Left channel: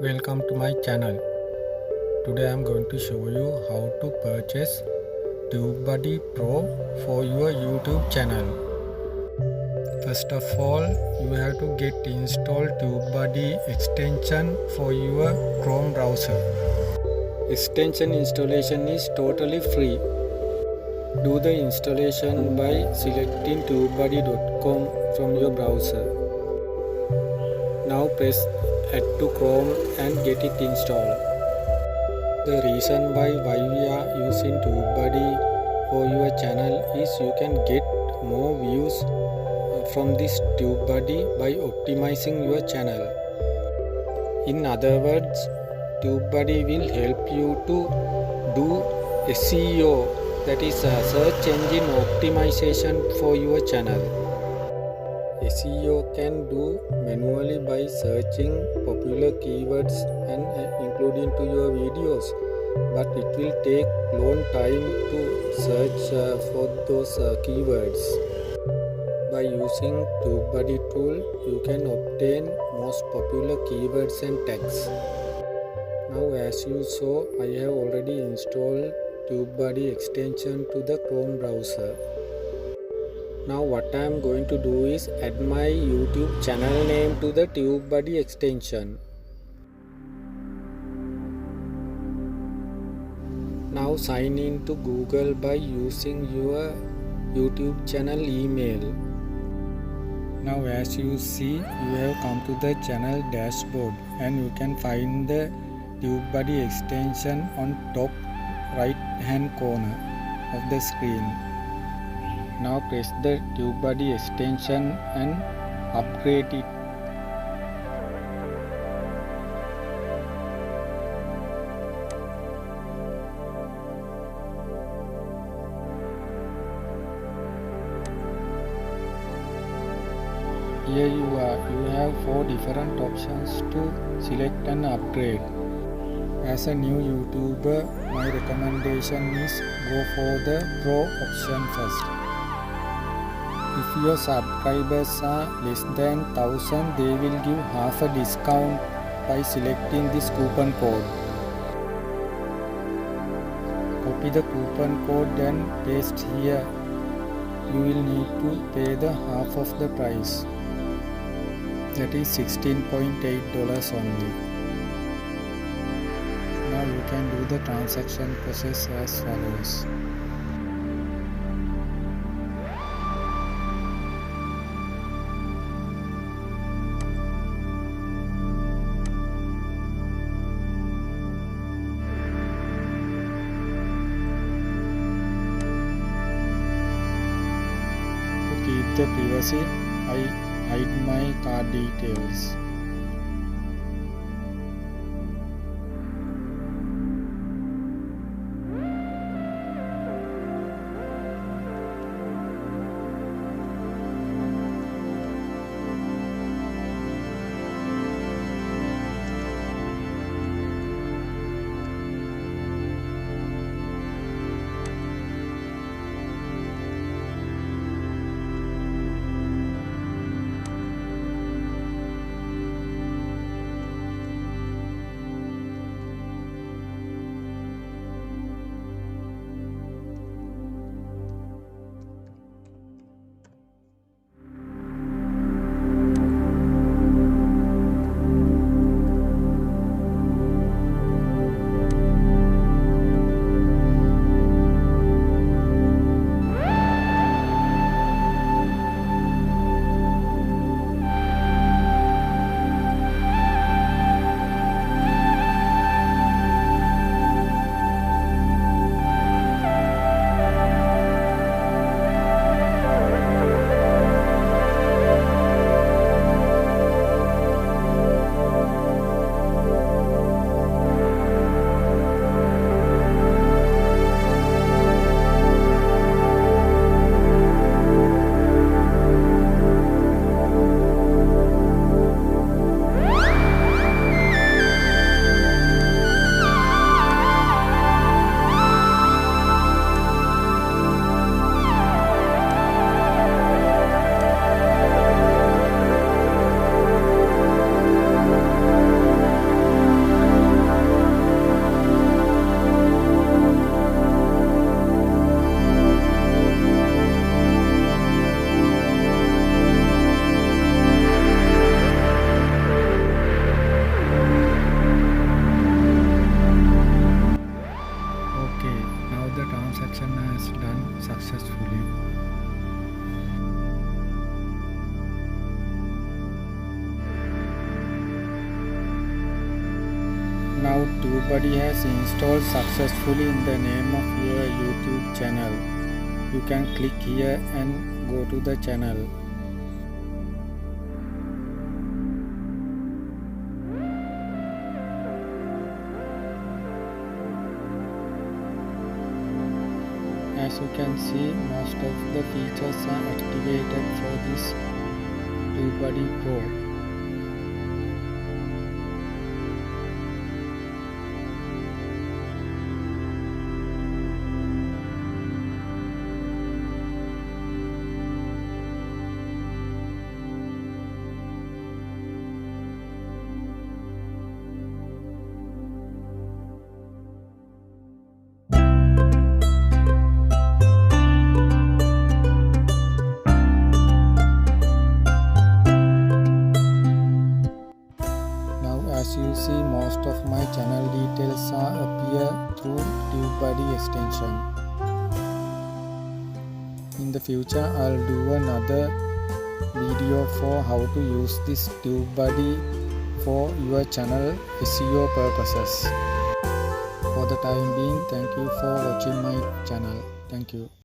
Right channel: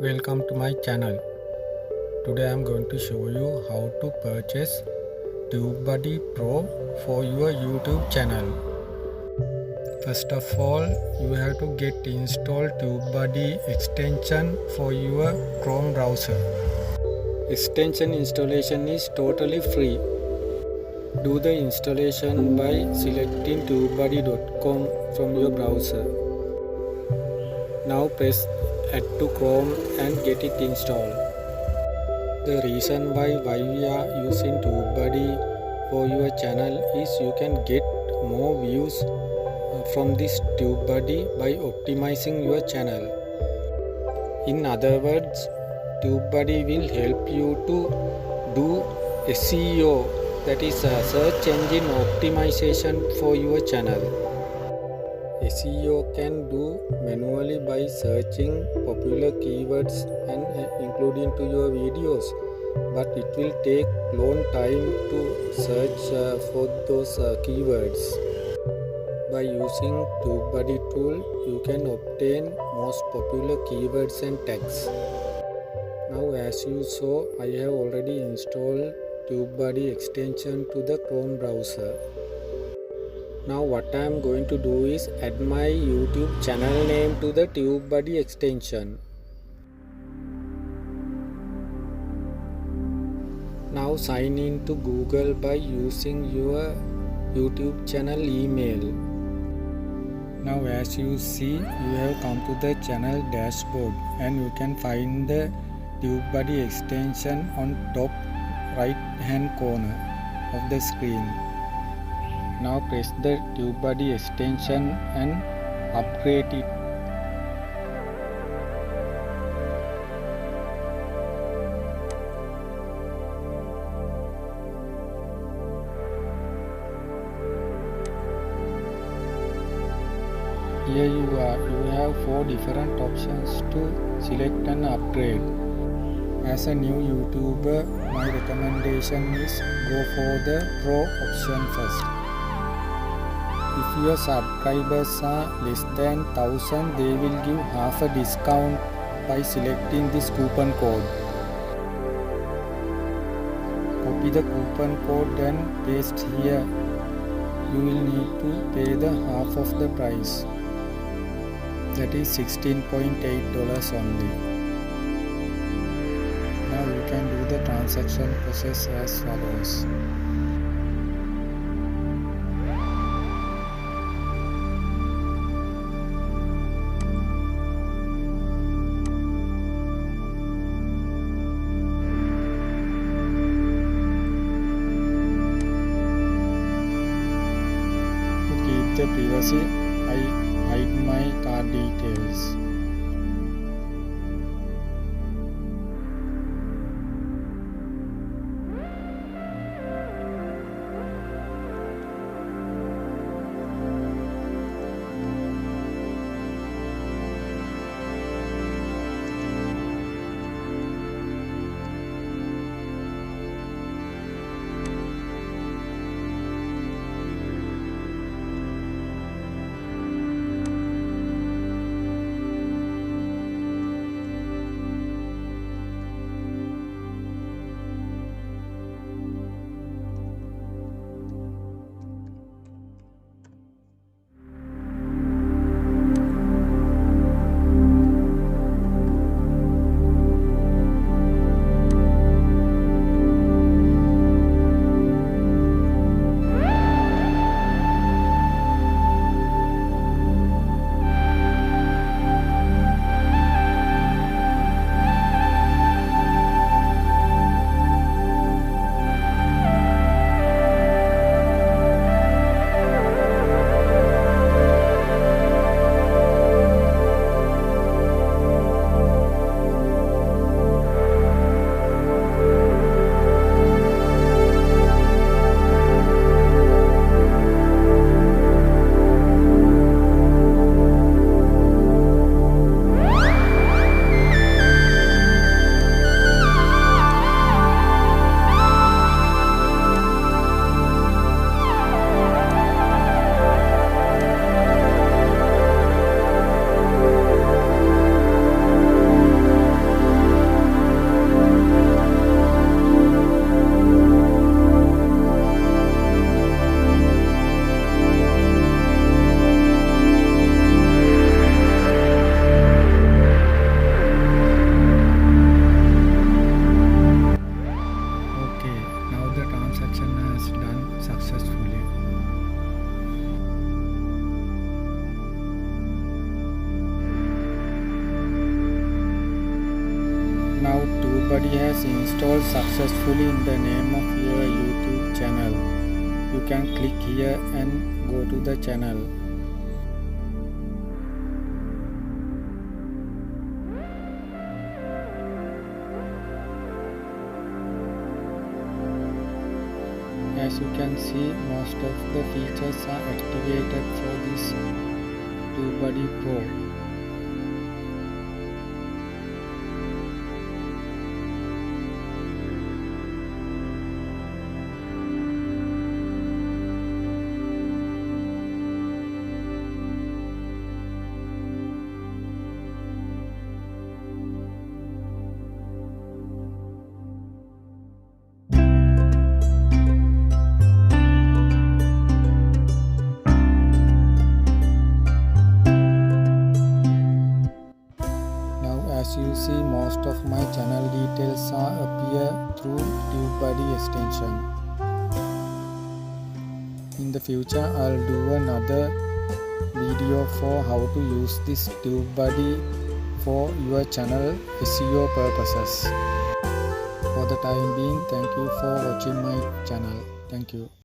Welcome to my channel. Today I am going to show you how to purchase tubebuddy Pro for your YouTube channel. First of all, you have to get installed tubebuddy extension for your Chrome browser. Extension installation is totally free. Do the installation by selecting tubebuddy.com from your browser. Now press add to Chrome and get it installed. The reason why we are using tubebuddy for your channel is you can get more views from this tubebuddy by optimizing your channel. In other words, tubebuddy will help you to do SEO, that is a search engine optimization for your channel. SEO can do manually by searching popular keywords and including to your videos, but it will take long time to search for those keywords. By using tubebuddy tool, you can obtain most popular keywords and tags. Now, as you saw, I have already installed tubebuddy extension to the Chrome browser. Now what I am going to do is add my YouTube channel name to the tubebuddy extension. Now sign in to Google by using your YouTube channel email. Now as you see, you have come to the channel dashboard and you can find the tubebuddy extension on top right hand corner of the screen. Now press the tubebuddy extension and upgrade it. Here you are. You have 4 different options to select and upgrade. As a new YouTuber, my recommendation is go for the Pro option first. If your subscribers are less than 1000, they will give half a discount by selecting this coupon code. Copy the coupon code and paste here. You will need to pay the half of the price. That is $16.8 only. Now you can do the transaction process as follows. To keep the privacy, I hide my card details. Now tubebuddy has installed successfully in the name of your YouTube channel. You can click here and go to the channel. As you can see, most of the features are activated for this tubebuddy Pro. As you see, most of my channel details are appear through tubebuddy extension. In the future, I'll do another video for how to use this tubebuddy for your channel SEO purposes. For the time being, thank you for watching my channel. Thank you.